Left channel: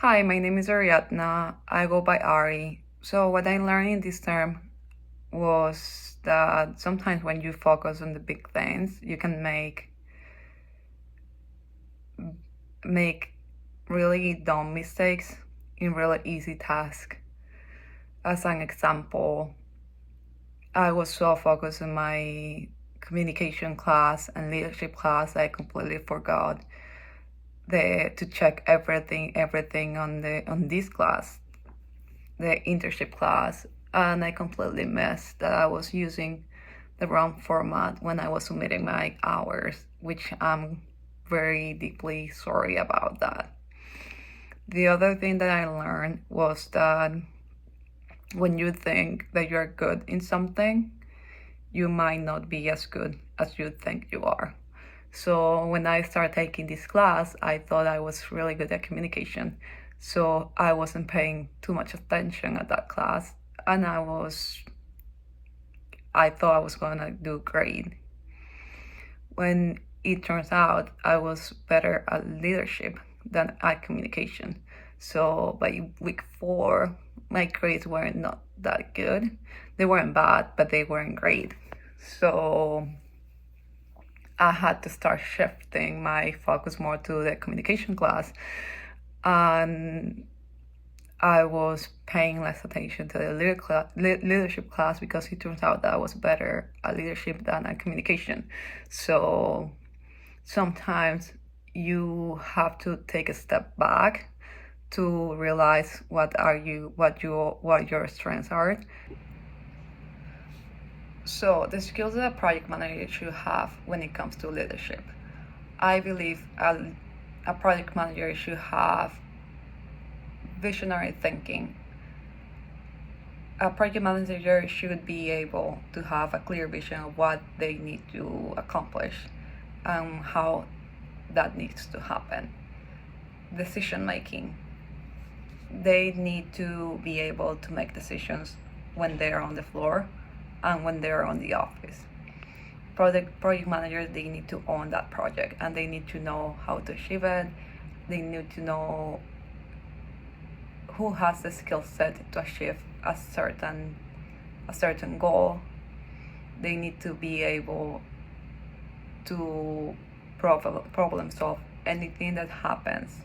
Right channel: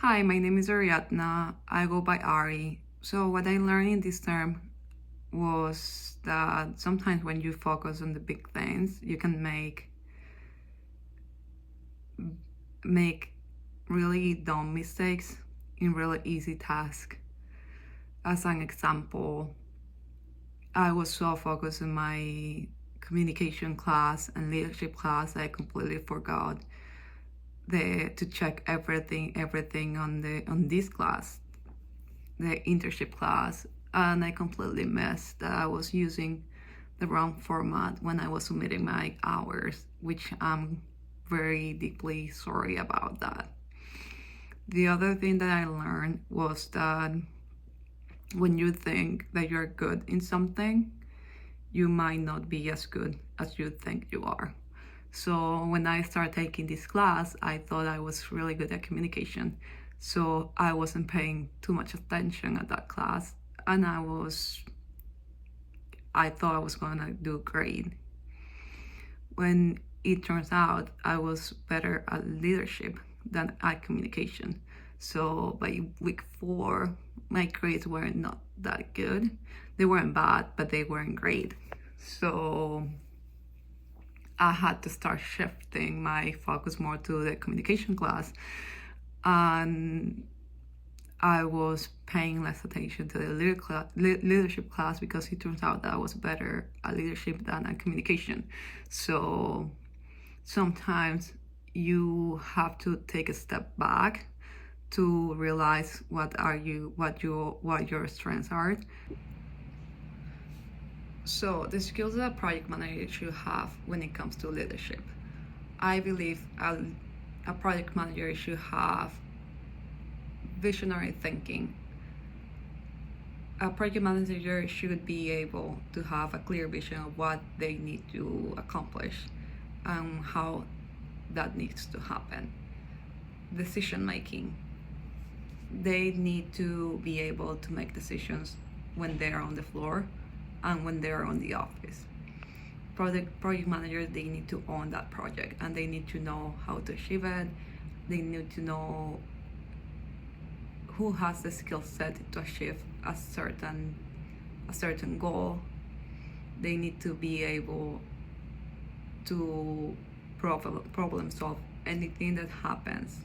Hi, my name is Ariadna. I go by Ari. So, what I learned in this term was that sometimes when you focus on the big things, you can make really dumb mistakes in really easy tasks. As an example, I was so focused on my communication class and leadership class, I completely forgot to check everything on this class, the internship class, and I completely missed that I was using the wrong format when I was submitting my hours, which I'm very deeply sorry about that. The other thing that I learned was that when you think that you're good in something, you might not be as good as you think you are. So when I started taking this class, I thought I was really good at communication. So I wasn't paying too much attention at that class, and I thought I was gonna do great. When it turns out I was better at leadership than at communication. So by week 4, my grades were not that good. They weren't bad, but they weren't great. So I had to start shifting my focus more to the communication class, and I was paying less attention to the leadership class because it turns out that I was better at leadership than at communication. So sometimes you have to take a step back to realize what your strengths are. So the skills that a project manager should have when it comes to leadership, I believe a project manager should have visionary thinking. A project manager should be able to have a clear vision of what they need to accomplish and how that needs to happen. Decision making. They need to be able to make decisions when they're on the floor and when they're on the office. Project managers, they need to own that project and they need to know how to achieve it. They need to know who has the skill set to achieve a certain goal. They need to be able to problem solve anything that happens.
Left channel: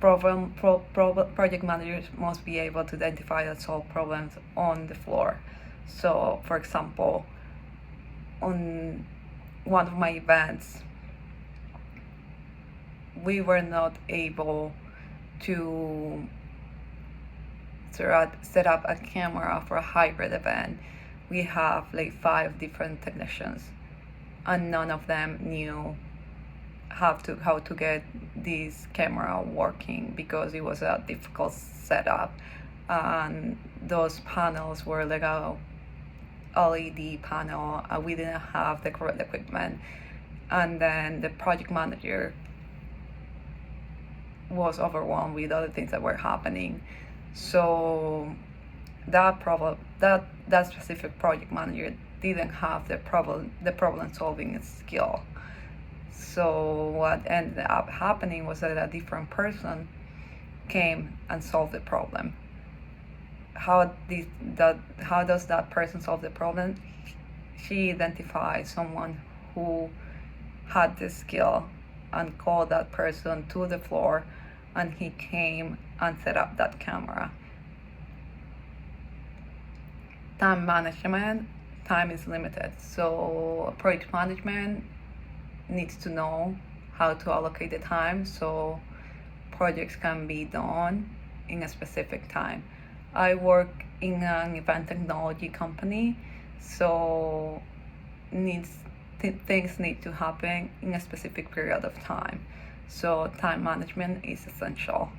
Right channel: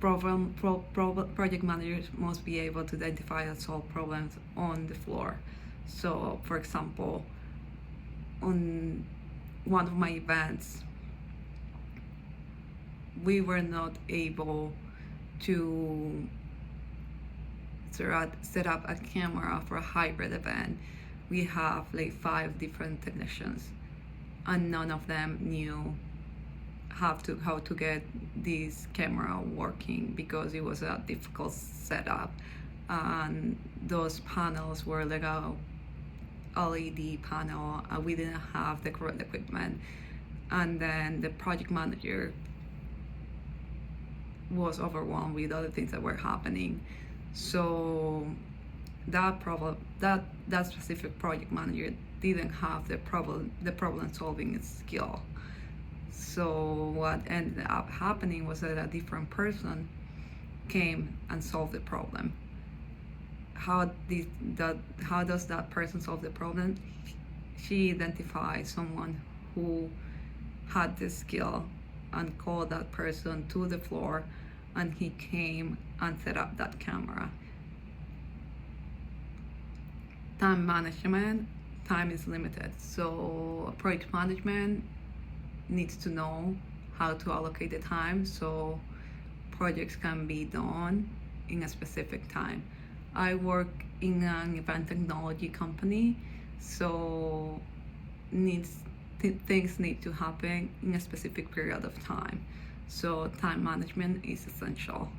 Project managers must be able to identify and solve problems on the floor. So, for example, on one of my events, we were not able to set up a camera for a hybrid event. We have like 5 different technicians, and none of them knew how to get this camera working because it was a difficult setup, and those panels were like a LED panel, and we didn't have the correct equipment. And then the project manager was overwhelmed with other things that were happening. So that specific project manager didn't have the problem solving skill. So what ended up happening was that a different person came and solved the problem. How does that person solve the problem? She identified someone who had the skill and called that person to the floor, and he came and set up that camera. Time management. Time is limited, so project management needs to know how to allocate the time so projects can be done in a specific time. I work in an event technology company, so things need to happen in a specific period of time. So time management is essential.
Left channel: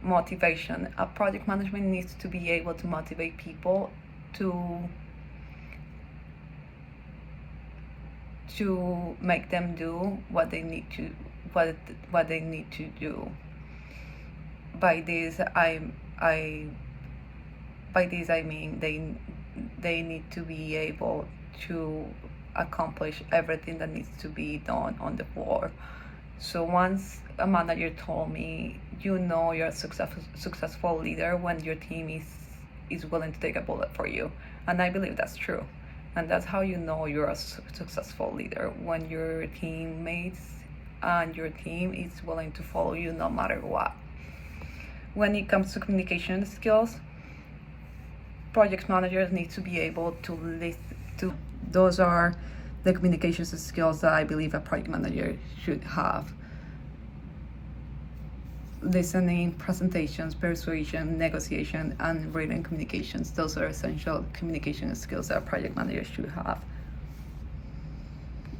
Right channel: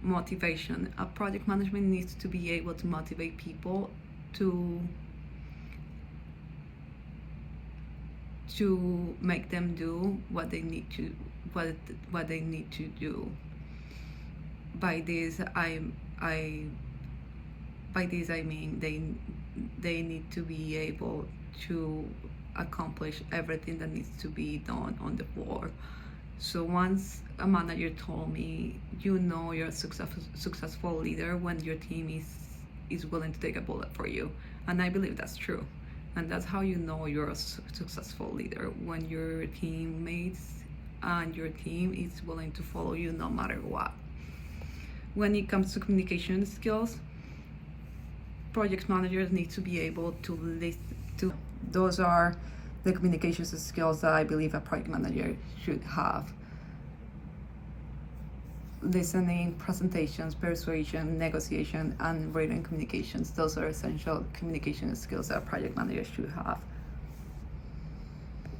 Motivation. A project management needs to be able to motivate people to make them do what they need to do. By this I mean they need to be able to accomplish everything that needs to be done on the floor. So once a manager told me, you know, you're a successful leader when your team is willing to take a bullet for you, and I believe that's true. And that's how you know you're a successful leader, when your teammates and your team is willing to follow you no matter what. When it comes to communication skills, project managers need to be able to listen to. Those are the communication skills that I believe a project manager should have. Listening, presentations, persuasion, negotiation, and written communications. Those are essential communication skills that a project manager should have.